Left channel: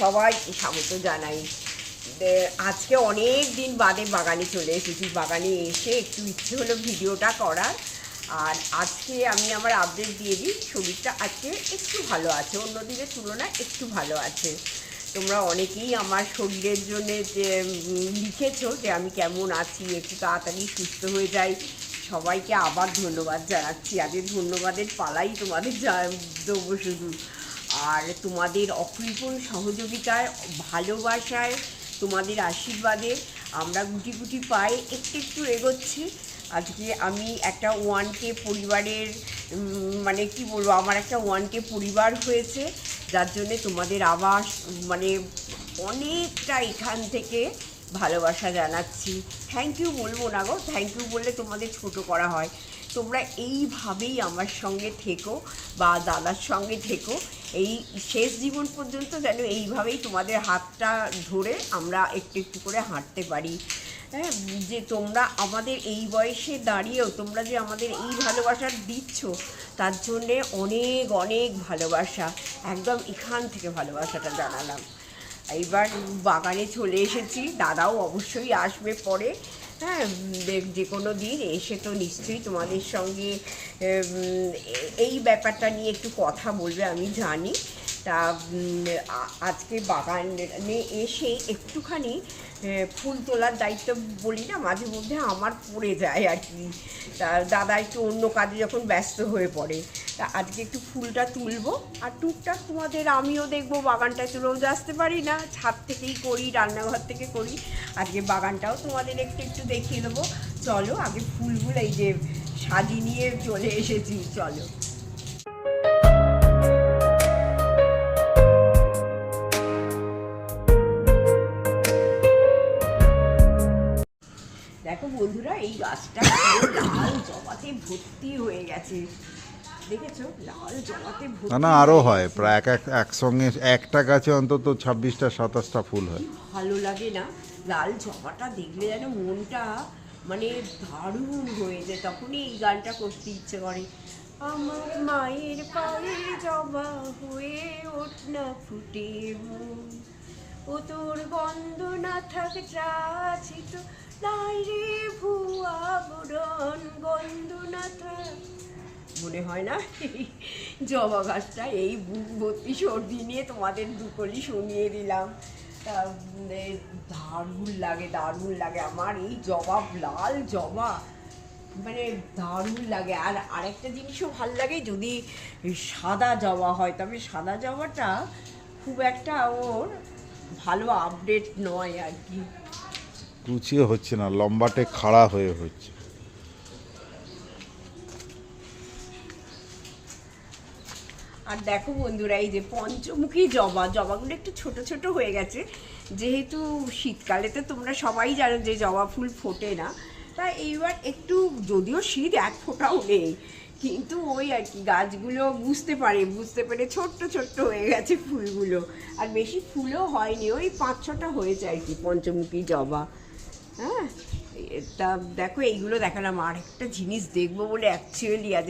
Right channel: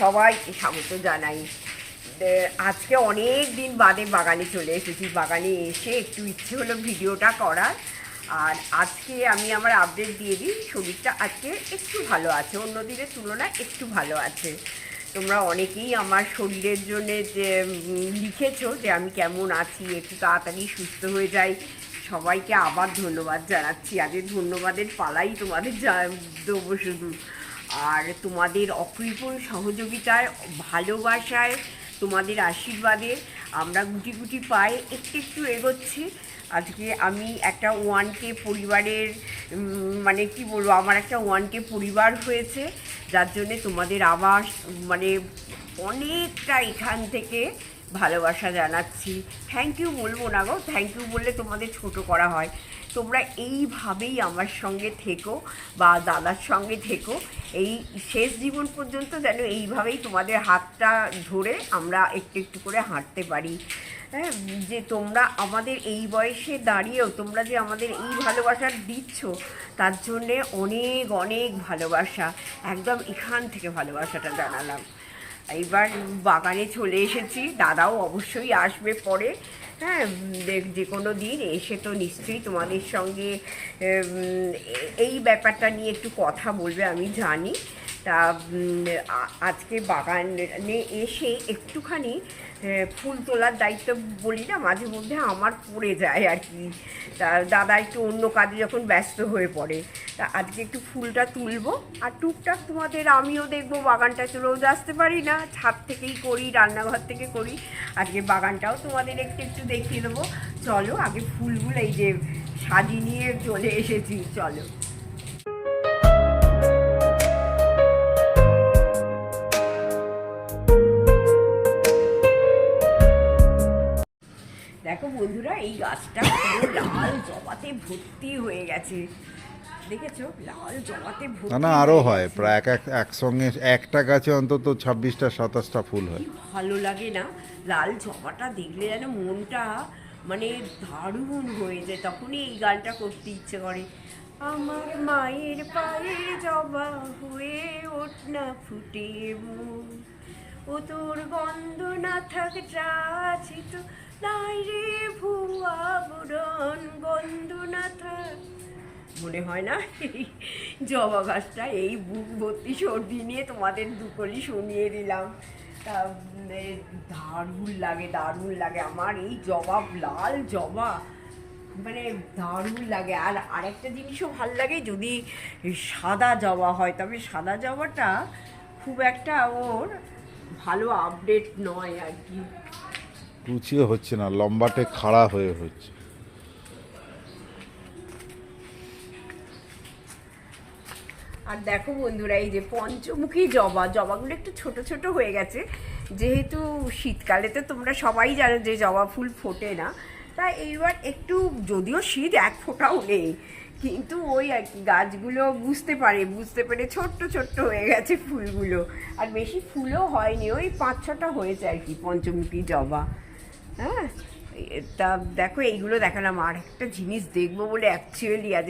সবাইকে স্বাগত জানাই। আজকে অনেক দিন বাদে বাগানে চলে এসেছি। বাগানে এসে একটু ইচ্ছে হলো ভিডিওটা করার। আর আজকে আমি আমার আপডেট দিয়ে দিই, শরীরটা আজকে একটু ভালো আছে, অন্য দিনের তুলনায় একটু ভালো আছে। তোমরা অনেকেই আমার শরীরের জন্যে যে লিখেছো যে আমি কেমন আছি, একটু তাড়াতাড়ি সুস্থ হয়ে যাই। সবাইকে আবার ধন্যবাদ জানাচ্ছি। আগে ধন্যবাদের পালাই তোমাদের দেবো শুধু। আর তোমাদের অকৃপণ সহযোগিতায়, ভালোবাসায়, তোমাদের আশীর্বাদে আমরা গুটি গুটি পায়ে একটু একটু এগোচ্ছি। আজকে আমি একটা 1K পরিবারের মানে কি বলবো, আমার একটা 1K পরিবার হয়েছে, যার জন্যে তোমাদের আবার মানে অনেকটা এখান থেকে ভালোবাসা জানাচ্ছি। থ্যাংক ইউ বলবো না গো, থ্যাংক ইউ বললে তোমাদের ছোট করা হয়। তোমরা এইভাবেই আমার সঙ্গে থেকো বা দাদার সঙ্গে থেকো, এই শেষ জীবন পর্যন্ত যেন এইভাবেই তোমাদের হাতটা ধরে আমরা একটু একটু করে হাঁটতে পারি। হ্যাঁ, যে তোমরা আমাদের এই বয়সে দাঁড়িয়েও তোমরা যে আমাদের এই ভালোবাসা দিচ্ছ, তার জন্যে অনেক অনেক ভালোবাসা। একদম এখান থেকে ভালোবাসাটা জানালাম। এইবার বাগানে চলে এসেছি, দাদাও অবশ্যই আসবে পরে। হ্যাঁ, যে কোনো দিন এসে তো নিশ্চয়ই তোমাদের সঙ্গে এই ব্যাপারটা নিয়ে একটু কথা বলবে, আমি জানি। তা আজকে বাগানে এসে একটুখানি ফুল তোলার দায়িত্ব বলি না, মাঝে মধ্যে আমার পড়ে যায় আর কি। তা দাদা একটু অন্য কাজে যখন ব্যস্ত হয়ে পড়ে, তা আজকে একটু ফুলটা তুলবো। আর টুকটাক তোমাদের আমিও দেখবো, বাগানটা তো রোজ আসতে পারি না, ছাদ থেকেই করি, রান্নাঘর থেকে করি। আজকে বাগানটাও তোমাদের একটু একটু দেখিয়ে দেবো। চলো আগে ফুলগুলো এই যে সাজিয়ে নিয়ে চলে এসেছি, চলো। দেখো বন্ধুরা, এই গাছটা লাল জবাতে ভর্তি হয়ে গেছে, দেখেছো? লাল জবাতে ভর্তি। না আরো হয় প্রায় একসঙ্গে একটা গাছে অন্তত 26টা 27টা ফুল হয়। ভালো লাগে না লাল জবাটা দেখলে, যেন মনটা মানে দারুণ হয়ে যায়। তখনই এই গানটা করতে ইচ্ছে করে। আমার মায়ের পায়ের জবা হয়ে ওঠ না ফুটে মন, ও তোর গন্ধ না থাক চাছি তো নাই রে ভুয়া বরণ, গন্ধ না থাক। মনে হয় না জবা গাছটা? এই বুক ভর্তি সর্দি নিয়ে তোমাদের দুকলি শুনিয়ে দিলাম। তা দারুণ লাগে, দারুণ লাগে আমার এই জবা, লাল জবা মানে দারুণ লাগে। আর আরেকটা জিনিসও ভাল লাগে, যদি সাদা জবা হয়, তবে সাদা জবাটা খুব একটা ওর ভালো আপডেট নয় আর কি, কুচিও হচ্ছে না, লম্বাটে খাড়া হয়ে হচ্ছে। আর দেখো বন্ধুরা, এই যে পঞ্চমুখী জবাগুলো একটু ছোট ছোট হয়ে গেছে, যেহেতু শীতকালে তো তোমরা সবাই জানো যে জবা ফুল ফোটে না। তাই এইবার একটু, যদিও শীত এক ফোঁটাও নেই, কিন্তু ওই আর কি গাছগুলো বুঝতে পেরে ছোট্ট ছোট্ট হয়ে গেছে ফুলগুলো। আর বেশি ফুলও হয়নি, ওই 5-6টা হয়েছে আর কি পঞ্চমুখী জবা। হ্যাঁ, তা দেখো এইগুলো দেখালাম। আর একটা জিনিস দেখবো বলে অ্যাকচুয়ালি আজ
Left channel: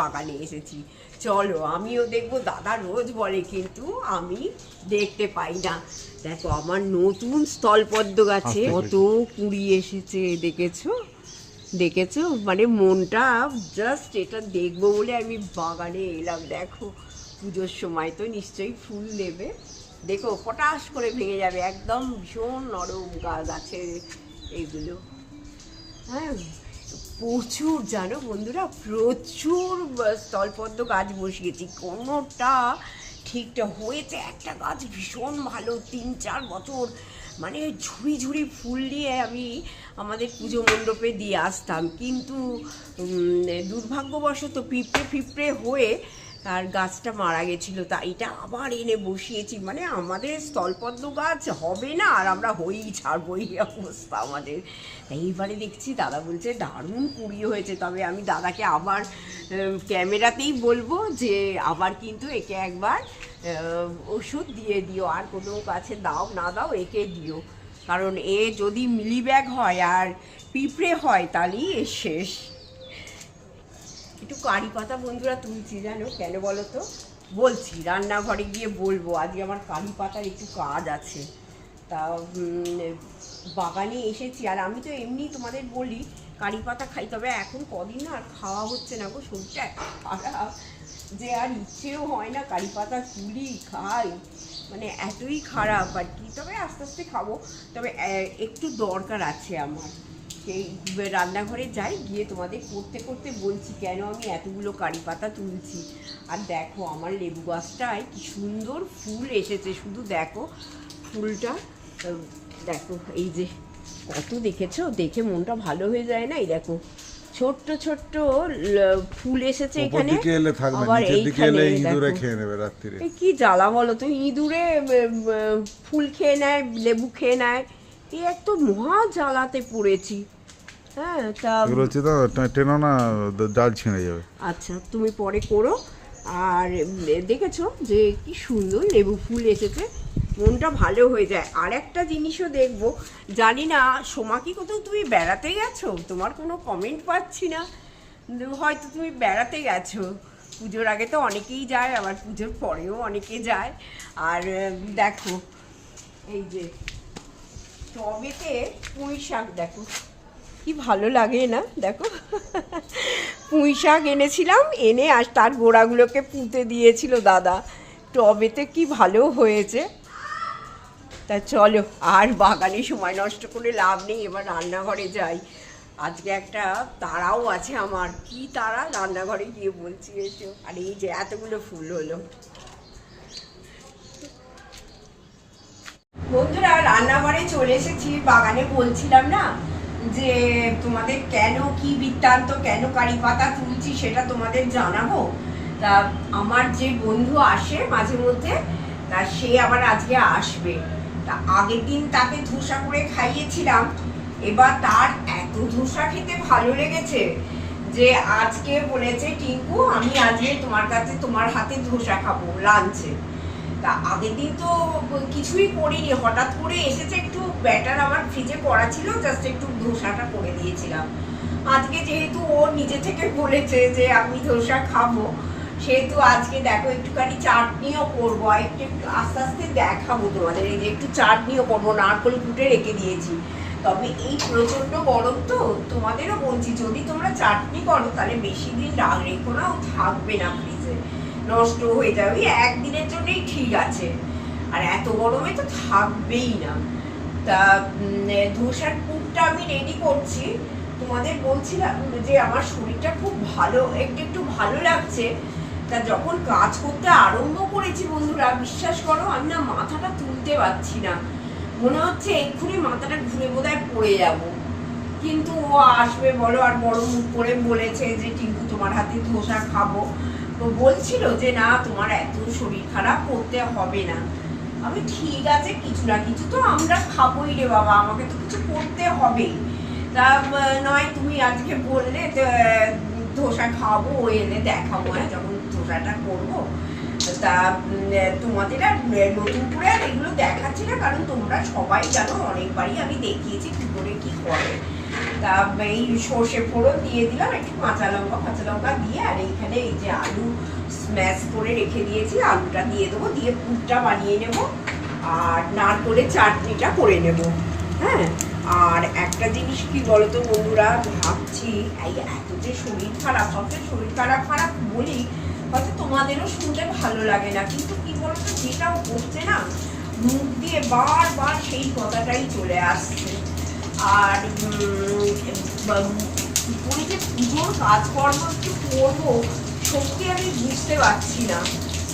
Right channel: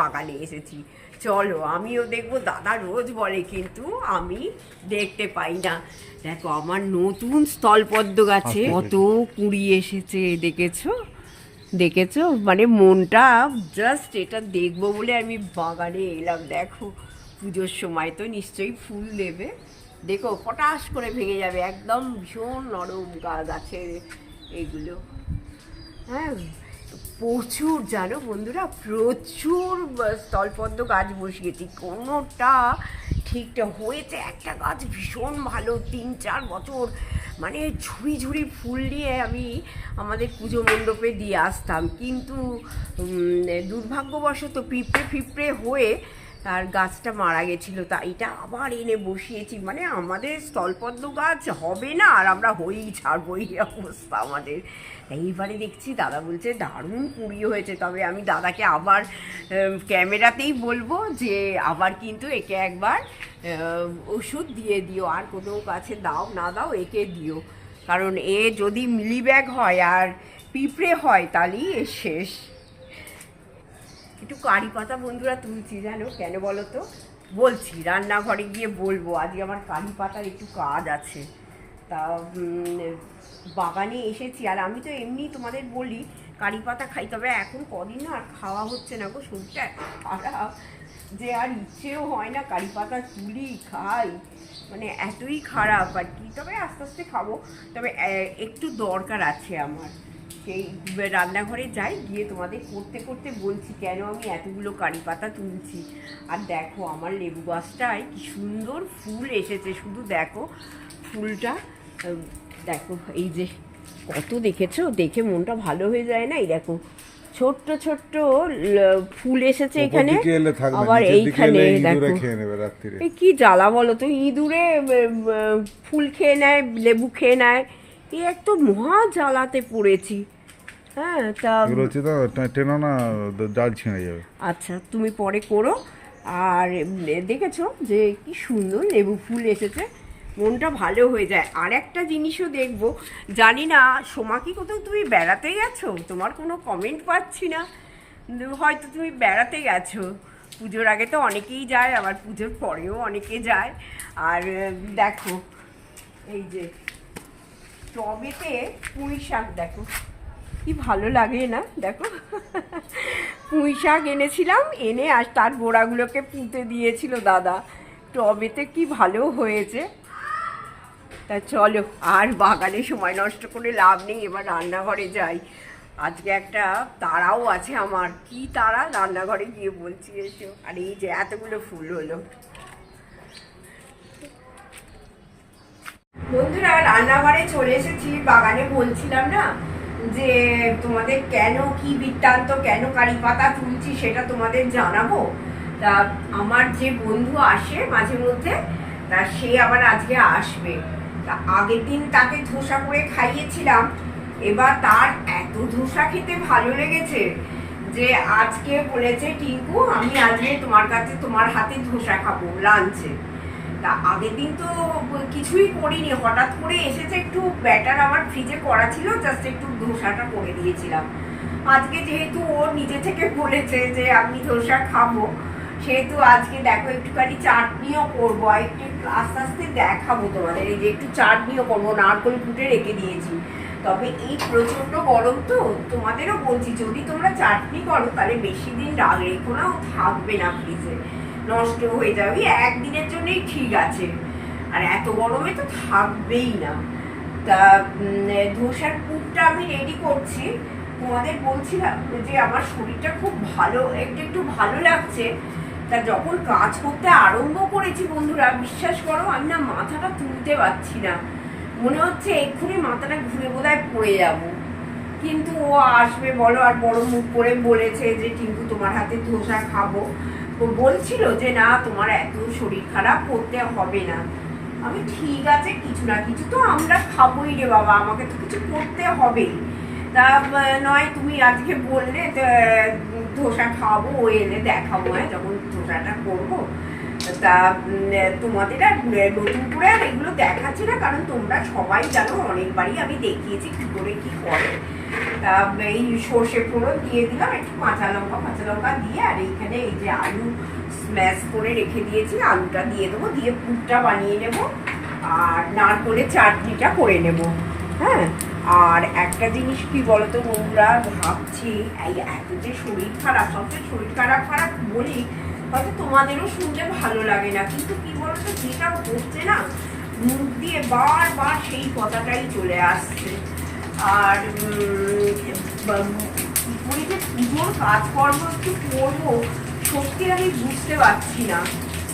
বাগানে এসেছি। চলো আমিও দেখবো, দাদা রোজ বলে কিন্তু আমি দেখতে পাই না। দেখো আমার নতুন স্থলপদ্ম গাছে কত কুঁড়ি এসেছে, দেখেছো? মানে মনটা জাস্ট এটা দেখবো বলে আমি বাগানে এলাম। দেখো পুজোর সময় তো নিশ্চয়ই ফুল দেবে, দেখো পটাশ করে ভেঙে যাবে, একদম ভীষণ নরম গাছের এইগুলো। হ্যাঁ, প্রচুর জানো বন্ধুরা, প্রচুর স্থলপদ্ম গাছ বসিয়েছি, কোনোটা ঠিকঠাক হয়েছে। একটা গাছ ভীষণ ভালো, 3-4 বছর মানে ঝুড়ি ঝুড়ি ফুল নিয়ে আমি আমাদের পুজো মণ্ডপে দিয়ে আসতাম, কিন্তু দুর্ভাগ্যবশত পিঁপড়ে হয়ে আর গাছটা মারা গেছিলো। তা এটা আবার এনে বসিয়েছি, মানে আমাদের স্থলপদ্ম গাছ হবে না আর আমরা হয়েই ছাড়বো, এই অবস্থা আমাদের। এইবারে দেখছি দাদা বলছে দারুণ কুঁড়ি হয়েছে, তবে আমি দাদাকে আবার ক্যামেরাতেই বলবো যে আবার কিন্তু একে একবার ওষুধ দিয়ে দিও, আর কোনো গাছে দাও না দাও একে দিও, কারণ এ যদি মিলিব্যাগ হয় আর পিঁপড়ে হয় তাহলেই এ শেষ। একটু কারি পাতা বন্ধুরা তুলছি, জানো কেন বলো তো? বলছি রান্নাঘরে গিয়ে বলবো। আজকে আমার কারি পাতার একটু কাজ আছে, তা বাগানে এসেছি। আর আমি তো এমনি তোমাদের বলি কারি পাতা খাই, তবে এখন কদিন না আর খাওয়া হচ্ছে না গো, শরীরটা খারাপ যে আর ইচ্ছেও হয় না কারি পাতা তুলি খাই, মানে এতই খারাপ আর কি। তবে আস্তে আস্তে খাবো, তবে একটু দরকার আছে আমার। সেই রান্নাঘরে যাই, গিয়ে তোমাদের করতে করতে বলছি কেন আমি এতগুলো কারি পাতা তুলছি। আর দেখো আমার লেবু গাছটায় কি সুন্দর ফুল এসেছে, শুধু দেখো ফুলটা, দেখো এই যে কত, দেখেছো? দেখে মনটা ভালো হয়ে যায় না? এই দেখো ছোট্ট ছোট্ট ফুল এসেছে এখানে, আবার এইখানে দেখো কি জ্বালা বলো তো, ইঁদুরে ফুল খেয়ে নেয়, লেবু খেয়ে নেয়, এই এক তো মহা জ্বালাতে পড়েছি। হ্যাঁ, তা টেনো না, জাল ছিঁড়ে যাবে। আচ্ছা তুমি পরে করো। আর দেখেছো যে কি সুন্দর লেবু ফুল এসেছে, মনটা ভালো হয়ে যায়। আর একটা জিনিসও দেখবো, জানি না সোমা কি কোথাও তুমি বেড়াতে গেছো, তোমার কোনো কমেন্ট পাচ্ছি না, হয়তো তুমি বেড়াতে গেছো। পুজোর আগে তো অনেকেই যায়, আবার পুজোর পরেও অনেকে যায়। আর দেখো এই যে টবেতে পুঁই শাক, দেখো কি ভালো লাগে না, দেখো পুঁই শাক এনেছিলাম, এনে আর তার গোড়াগুলোকে পুঁতে দিয়েছিল দাদা, টবেতে কি ভালো হয়েছে। তা চলো আর বাগানে সময় নষ্ট করে লাভ নেই, এবার রান্নাঘরে যাই। আজকে একটা তাড়াও আছে আমার, কি তাড়া রান্নাঘরে গিয়ে বলছি এসো। আর এই যে এতগুলো ফুল হলো। বন্ধুরা রান্নাঘরে চলে এসেছি, বাগানে বলছিলাম না যে তোমাদের কেন কি বৃত্তান্ত, কেন কারি পাতা তুলছি সেটা তোমাদের জানাবো। তা আমার যে বন্ধু আসে মাঝে মধ্যে, তা সে আবার আজকে আসবে। তা আগের দিন তাকে ধোসা করে খাইয়েছিলাম, এবার তার এত ধোসা খেতে ভালো লেগেছে যে আজকে বলেছে টিঙ্কু আমি আজকে তোমার কাছে তোমার হাতে ধোসা খাবো লাঞ্চে। তা আগের দিন তো কিছুই করিনি, হঠাৎ করে এসেছে, একটু ব্যাটার আমার ফ্রিজে করা ছিল, জাস্ট একটু ধোসাটা করে দিয়েছিলাম। আজকে যেহেতু ও নিজে থেকে বলেছে যে আমি ধোসা খাবো, সেহেতু আজকে দেখো একটুখানি চাটনিও করবো, আর একটু আস্তে আস্তে দেখাবো তোমাদের। এই যে একটু চাটনিও করবো, নারকেল কুটে রেখে দিয়েছি। তবে এই প্রচণ্ড গরম তো, তোমাদেরও বলছি যদি তোমরা চাটনি করো তাহলে বেশি দিন রেখো না, ও থাকবে না ফ্রিজে, নষ্ট হয়ে যাবে, একদিনের জন্যই ঠিক আছে, আর এত গরমে তো থাকবেই না। তা ধোসার পুরটা আমি রেডি করছি। তোমাদের বলছিলাম যে আমার শরীরটা খুব ভালো, একটু ভালো লাগছে। তা যখন কাজ করতে আরম্ভ করেছি বন্ধুরা, বিশ্বাস করো আমি না মাথাটা তুলতে পারছি না, মনে হচ্ছে এক্ষুনি মাথাটা ঘুরে বোধহয় পড়ে যাব। কিন্তু ও আসবে বলো, আর বড় মুখ করে বলেছে যে টিঙ্কু তোমার হাতে ধোসা খাবো। তো বলছিল যে না তোমার এত শরীর খারাপ, করতে হবে না। আমি ঠিক আছে, কিছু না কিছু তো আমরা খাবোই রে বাবা, আমাকে তো কিছু করতে হবেই। তা নয় তুমি আজকে বললে ধোসা খাওয়াবো, ও এলে দেখাবো, হ্যাঁ যখন ধোসাটা করবো। তা তোমাদের আর নতুন করে আর এগুলো দেখাচ্ছি না, কারণ তোমরা সবাই জানো, অনেকবারই আমি দেখিয়েছি কি করে কি করে। তা এই সর্ষে ফোড়ন দিয়ে দিলাম, একটু কাঁচা লঙ্কা দিয়ে, আর এইখানে এই যে আলু স্ম্যাশ করে রেখে দিয়েছি, আলুটা দিয়ে দেবো, দিয়ে পুরটা বানিয়ে নেব, আর নারকেলের চাটনিটা করে নেব। হ্যাঁ, আর একটা জিনিস কি বলতো বন্ধুরা, ভাবছি এই এত যে শরীর খারাপ, সবচেয়ে শরীর খারাপ বলি, হয়তো তোমাদেরও শুনতে ভালো লাগে না, কিন্তু কি বলতো যেটাও করছে না, মুখ দিয়ে বারবার সেই কথাটাই চলে আসছে। আর কি করে যে পুজোর কাজকর্ম একটু করবো, সত্যি আমি বুঝতে পারছি না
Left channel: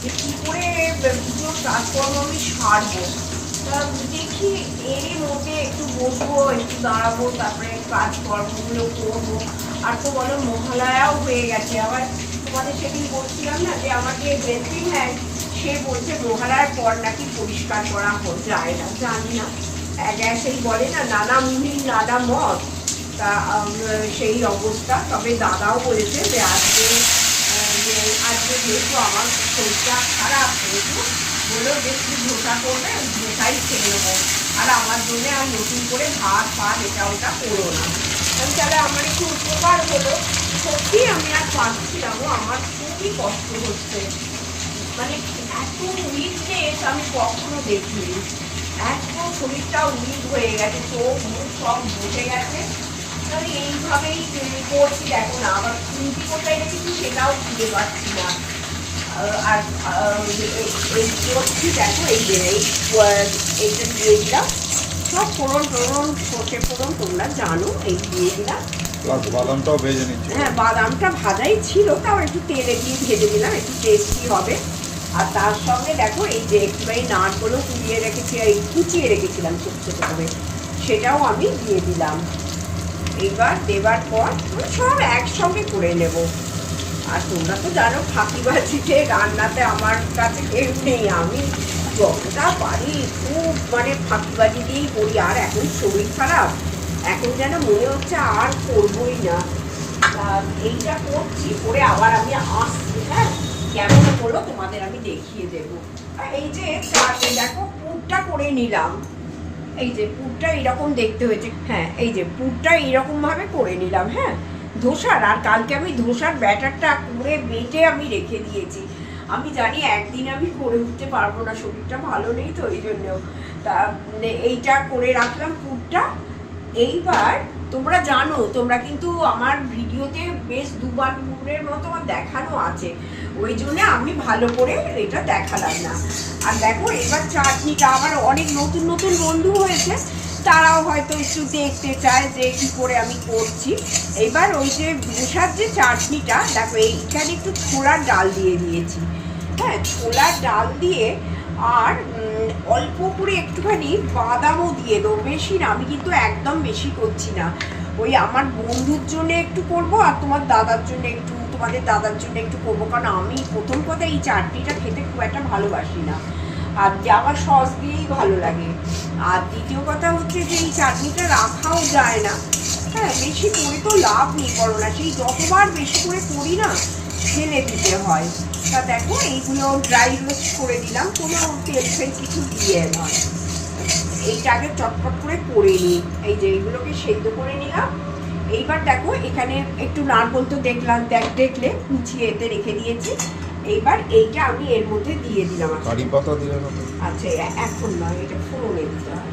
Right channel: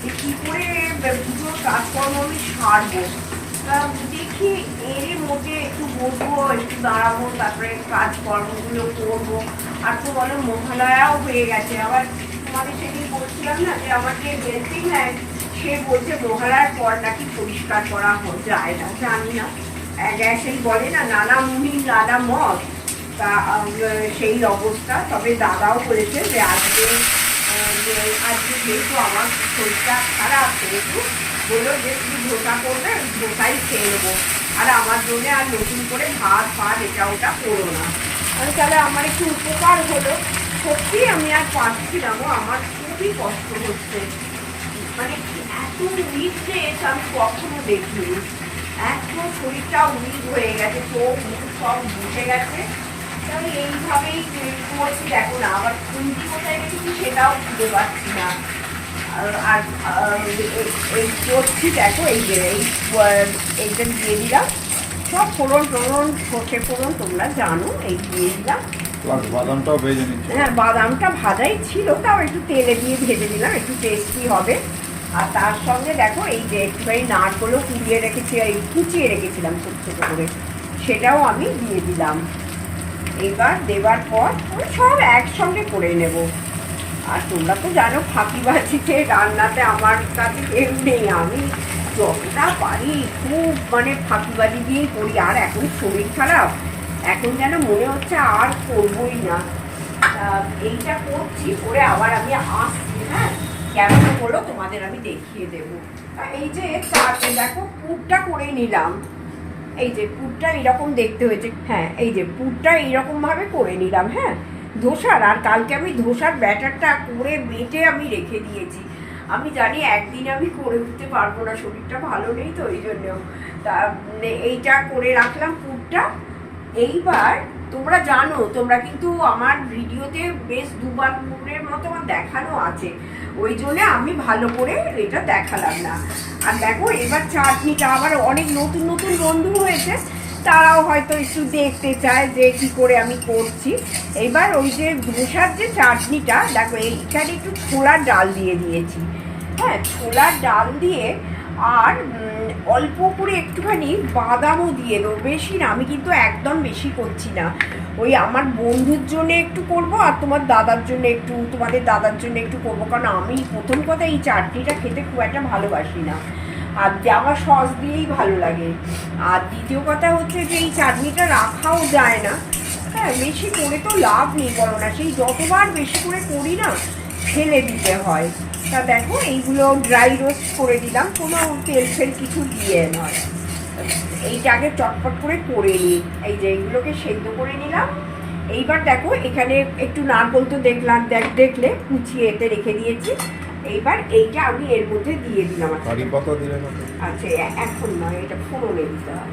যে কি করে পুজোর কাজকর্ম আমি সারবো। তা দেখি এরই মধ্যে একটু বসবো, একটু দাঁড়াবো, তারপরে কাজকর্মগুলো করবো। আর তো বলো মহালয়াও হয়ে গেছে, আবার তোমাদের সেদিন বলছিলাম না যে আমাকে হেল্পিং হ্যান্ড, সে বলছে মহালয়ার পর নাকি পরিষ্কার করা যায় না, জানি না, সেই বলে না নানা মুনির নানা মত, তা সেই অবস্থা। তবে দাদাও বলেছে যে আজকে যেহেতু আমার শরীরটা খারাপ, সেহেতু বললো যে তুমি ধোসা করবে, ধোসাই খেয়ে নেবো, আর আমার জন্য আর নতুন করে ভাত এটা ওটা করো না। তাহলে আমার একটু উপকার হলো। সত্যি আমি আর পারছিলাম, আমার খুবই কষ্ট হচ্ছে। মানে এত উইকনেস আমি কখনো দেখিনি। একদম শরীরটা উইক হয়ে গেছে, চোখ মুখ সব বসে গেছে। আমি এইভাবেই করছি, দেখো না আবার খুঁটি কোথায় রেখেছি সেটাও খুঁজে পাচ্ছি না। আর এই করছি দেখো, এই যে এইটা দিয়ে দিলাম, সব ফোড়ন সর্ষে ফোড়ন তোমরা জানো, এই দিয়ে দিলাম। বাদামটাও ভেজে নিচ্ছি। হ্যাঁ, বাদামটা ভাজাই ছিল, তাও একটু তেলে দিয়ে ভেজে দিলাম, একটু টেস্টি হবে। আর তার সঙ্গে দেখো এই যে একটুখানি নারকেলও কুচিয়ে রেখেছিলাম ছোট ছোট করে, সেটাও আমি দিয়ে দিলাম। এবার দেবার পর সব একসঙ্গে করে নেব। আর তোমরা তো জানো ফাঁকিবাজিতে রান্নাতে আমার কাছে কেউ নেই, আমি যতটা পারি খুব মানে ফাঁকিবাজি দিয়েই করি। আর এখন শরীর খারাপ, এখন যেন মনে হচ্ছে আর করবোই না। এইটা করছি, করে আবার আমি আসছি। হ্যাঁ, কেমন হলো তোমাদের আমি দেখিয়ে দেবো। আর এই যে দেখো পুরটা করে নিলাম, এই যে পুরটা এইরকম দেখতে হয়েছে। হ্যাঁ, এই যে পুরটা এইরকম ভাবে করে নিলাম। হ্যাঁ, ধোসার। আর কালকে আমি ধোসার ব্যাটারটা করে বেটে আমি রেখে দিয়েছি। আমি জানি একদিনে আমি করে উঠতে পারবো না, শরীরটা ভালো নেই তো এই জন্য। তা এইটা করে রাখলাম পুরটা। এইবার তোমরা জানো, তোমরা কিন্তু আমার ভিডিওতে বেশ দুবার পুরের মতো আমার দেখানো আছে, ওই জন্য আমি ভালো করে এটা দেখালাম না। আর দেখো এবার চাটনিটা আবার অনেক নতুন নতুন বন্ধু হয়েছে, তারাও হয়তো একটু দেখতে চায় যে কী করে আমি করছি। এবার ওই যে ধোসার যে চাটনিটা দেখো, এইখানে একটু ছোলার ডাল দিয়ে দিয়েছি। হ্যাঁ, ছোলার ডাল দিয়ে আর অল্প করে একটুখানি বাদামও দিয়ে দেবো, বেশি না, আমি কিন্তু একদম বেশি করছি না। ওই আমার বন্ধুর জন্য একটু করব, আর তোমাদের দাদার জন্য একটু করবো, কারণ আমি প্রথম কথা এই চাটনিটা খেতে খুব একটা ভালোবাসি না, আর আমার সস দিয়েই ভালো লাগে। আর দ্বিতীয় কথা হচ্ছে যে এই চাটনিটা রাখাও যায় না। হ্যাঁ, বেশি করে তো লাভ নেই, বলো না, সেই যতবার বেশি করে করি না ফেলে দিতে হয়। তা দেখো এইগুলো ড্রাই রোস্ট করে দিলাম, কোনো তেল ফেল কিছু দিয়ে না। এইটা আগে চটপট করে নিই। এই যে এইগুলোকে সেদ্ধ করে নিলাম। এইবার দেখো এখানে একটু নারকেল তো দেখলে কুচিয়ে এতে রেখে দিয়েছি। এইবার এইটা আমি এর মধ্যে দিয়ে দিলাম। কারি পাতা দিলে না? আচ্ছা, এখন না, এটা ফোড়নে দিতে হয়।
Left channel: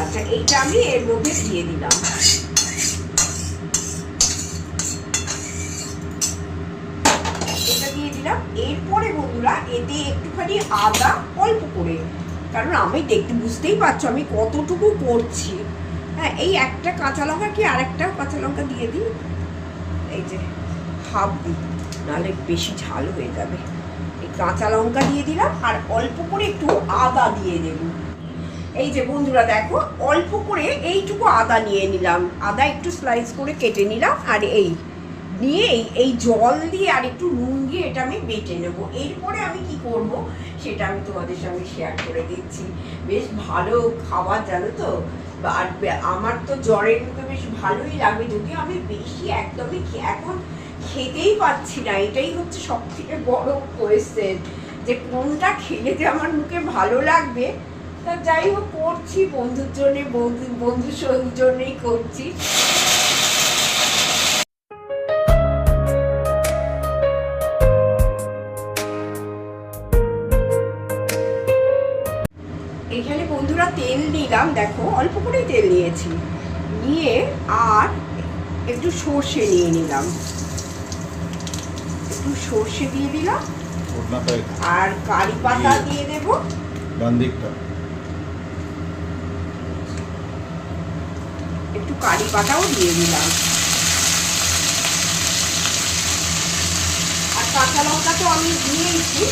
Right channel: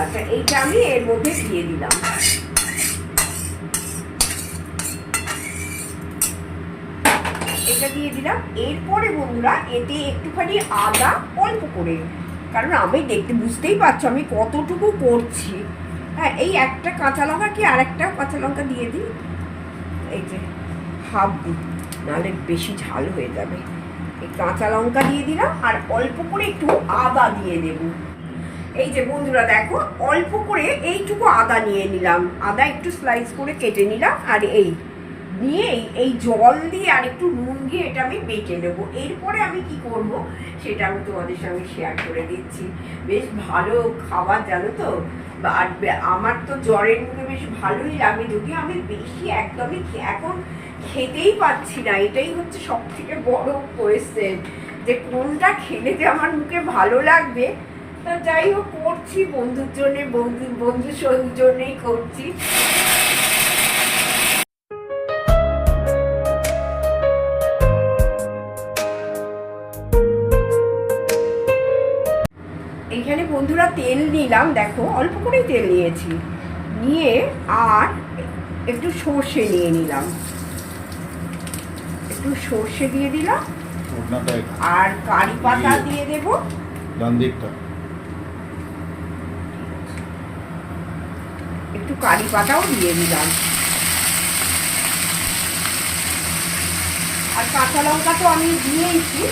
আচ্ছা, এইটা আমি এর মধ্যে দিয়ে দিলাম। এটা দিয়ে দিলাম। এরপরে বন্ধুরা এতে একটুখানি আদা অল্প করে, কারণ আমি বুঝতেই পারছো আমি কতটুকু করছি। হ্যাঁ, এই একটা কাঁচা লঙ্কা কি আরেকটা কাঁচা লঙ্কা দিয়ে দিই, এই যে হাফ দিই, নাহলে বেশি ঝাল হয়ে যাবে। এই কাঁচা লঙ্কা দিয়ে দিলাম, আর অল্প করে একটু আদা দিয়ে দেব। এই যে বন্ধুরা দেখো, অল্প করে এইটুকু আদা নিয়ে নিলাম, আদা একটু স্লাইস করে কেটে নিলাম। আর এই জল দিয়ে আর একটু নুন দিয়ে এটা আমি বেটে নেব। এরপরে আমি কি করব সেটা আমি তোমাদের সঙ্গে শেয়ার করে দিচ্ছি। বেশ ভালো খাবার, জানো তো, আর আমার তো জ্বরের মুখে বেশ ভালোই লাগবে, যদিও আমি বেশি একদমই এখন খেতেই পাচ্ছি না। এটাই হচ্ছে সব থেকে বড় কোয়েশ্চেন, যে কোনটা খেলে যে আমার মুখে ভালো লাগবে। তা যাই হোক, করছি বন্ধুর জন্যে, বন্ধুর জন্যেই করছি। এখানে বন্ধুরা তেল নিলাম, দেখো অল্প করেই তেল নিয়েছি, নিয়ে আর একটু সর্ষে নিয়ে নিলাম, একটু সর্ষে দিয়ে দিলাম, আর কারি পাতা দিয়ে দেব। একটু কারি পাতাও দিয়ে দিলাম। আর কাঁচা লঙ্কা তো আমি দিয়েইছি,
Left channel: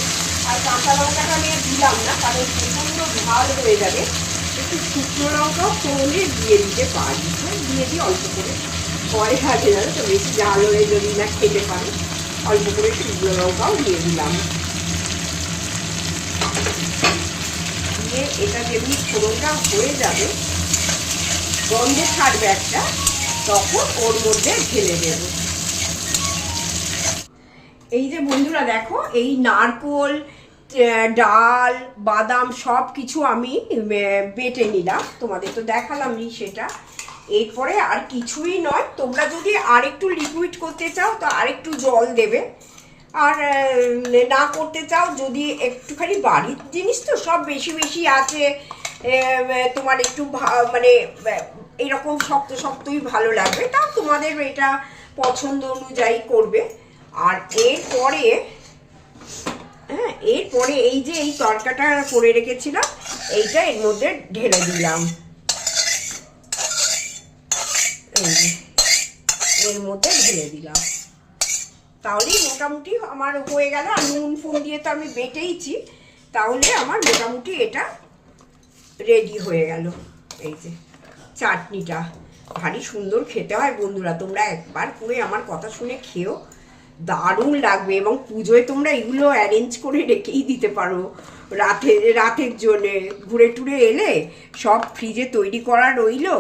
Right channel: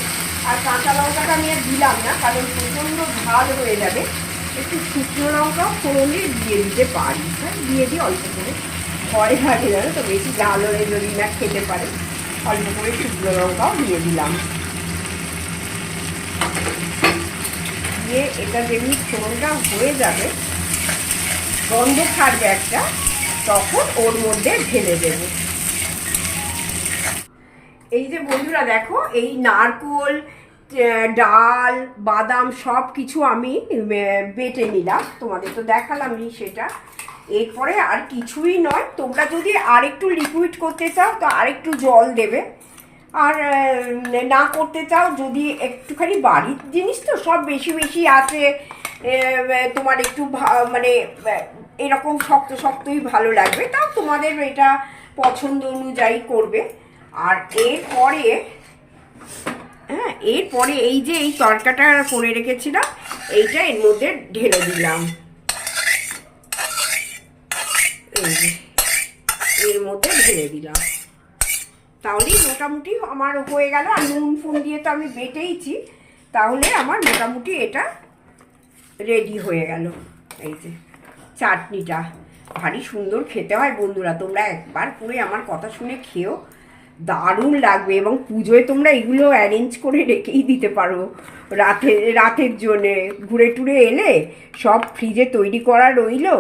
আর কাঁচা লঙ্কাটা আমি আর দিলাম না, কারণ প্রচণ্ড ঝাল হয়ে যাবে। একটু শুকনো লঙ্কাও ফোড়নে দিয়ে দিতে পারি, দিয়ে দিই অল্প করে, ভয় লাগে জানো তো, বেশি ঝাল হয়ে যদি না খেতে পারে। অল্প করে শুকনো লঙ্কাও দিয়ে দিলাম, দিয়ে এটা যেমনি ফোড়নটা হয়ে যাবে, গন্ধ ছাড়বে একটা, তখন ওর মধ্যে ঢেলে দেব। এই যে বন্ধুরা দেখো, এই নারকোল, ডাল, বাদাম সব কিছু আমি বেটে নিলাম, তোমাদের তো দেখালামই সেটা। এরপরে আর কিছুই নয়, তোমরা যদি আরেকটু লিকুইড করতে চাও তো আরেকটু জল দেবে। আর না করতে চাও, যদি একটুখানি বাড়ির জিনিস তো সব বেশি বেশি আছে, তোমার একটু মানে এরকম শক্ত শক্তই ভালো লাগবে, তাও তোমাদের এটা পছন্দ অনুযায়ী করবে। আর এরপরে হ্যাঁ, এরপরে এই যে এই তরকাটা করে রেখেছিলাম, এইটা এর মধ্যে ঢেলে দিলাম, এই যে এর মধ্যে ঢেলে দিলাম। তাহলেই মোটামুটি আমার হয়ে গেল। আর নুন ফুন দিয়ে তো আমি বেটেইছি, তাহলে আমার মোটামুটি এটা রেডি হয়ে গেল। এই যে চাটনিটা ভারী সুন্দর খেতে হয় বন্ধুরা, তোমরা একবার করে আমার কথা শুনে খেও, দারুণ লাগবে। এবং পুজোয় তোমরা এগুলো অ্যারেঞ্জ করে রেখেই দিতে পারো রাতের জন্যে, ঘুরে টুরে এলে সব ফ্রিজে তৈরি করা রইলো,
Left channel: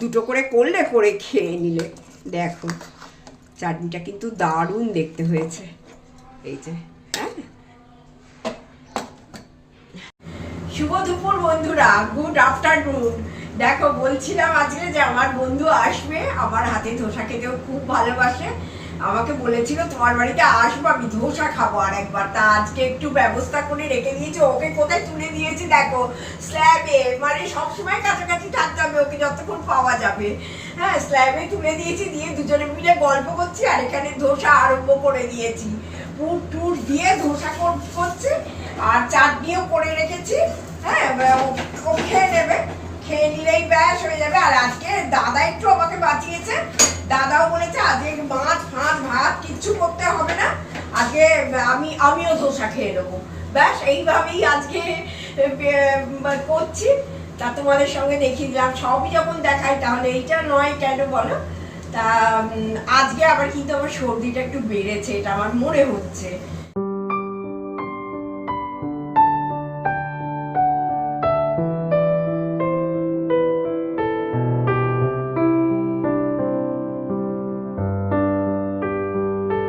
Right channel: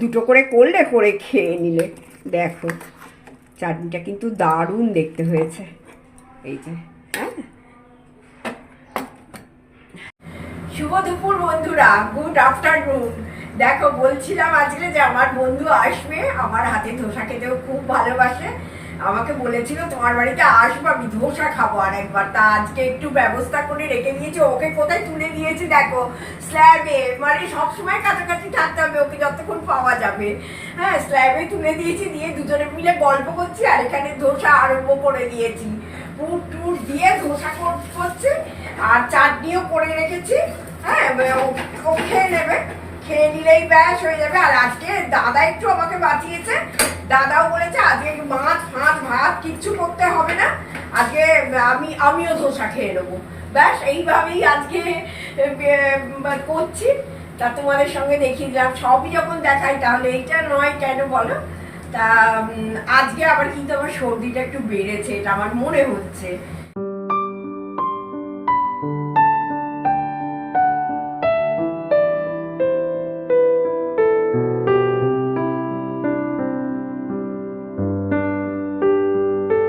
দুটো করে করলে করে খেয়ে নিলে। দেখো চাটনিটা কিন্তু দারুণ দেখতে হয়েছে, এই যে। হ্যাঁ, শুভ দুপুর বন্ধুরা, গুড আফটারনুন। দেখো বলছিলাম আজকে যে আমার বন্ধু আসবে, আমার হাতে ধোসা খেতেও খুব ভালোবাসে, আমাকে বলেছিল তোমার বাড়িতে আসবো, আমি ধোসা খাবো আর একবার। তা আজকে একটু ব্যবস্থা করে রেখে দিয়েছে। ওকে কোথায় তুলে দিয়েছি দেখো, স্ল্যাবে, মানে সবসময় কাছাকাছি থাকতে হবে ওকে যতক্ষণ পাওয়া যাবে। হ্যাঁ, স্ল্যাবে তুলে দিয়েছি, দিয়ে দুজনে মিলে গল্প করছি আর এখানে ধোসা আরম্ভ করে দিয়েছি। পুর টুর দিয়ে ধোসা করছে আর চাটনিও করে রেখেছি। হ্যাঁ, ও খেয়ে নেবে, খেয়ে নিলেই ব্যাস হয়ে যাবে। আর আজকে দাদা একটু আমাকে বাঁচিয়েছে, দাদাও বলেছে আজকে মাছ ফাঁস ভাত কিচ্ছু করতে হবে না, আজকে আমিও ধোসা খেয়ে নেবো। ব্যাস এইভাবেই আজকে করছি। তা তোমাদের সঙ্গে দেখিয়ে দিলাম, সবই যখন দেখাই তাহলে এইটা নয় কেন বলো। তা আজকে আবার কিন্তু আমার সর্দিটা একটু বেড়েছে, এটা আমার মনে হচ্ছে।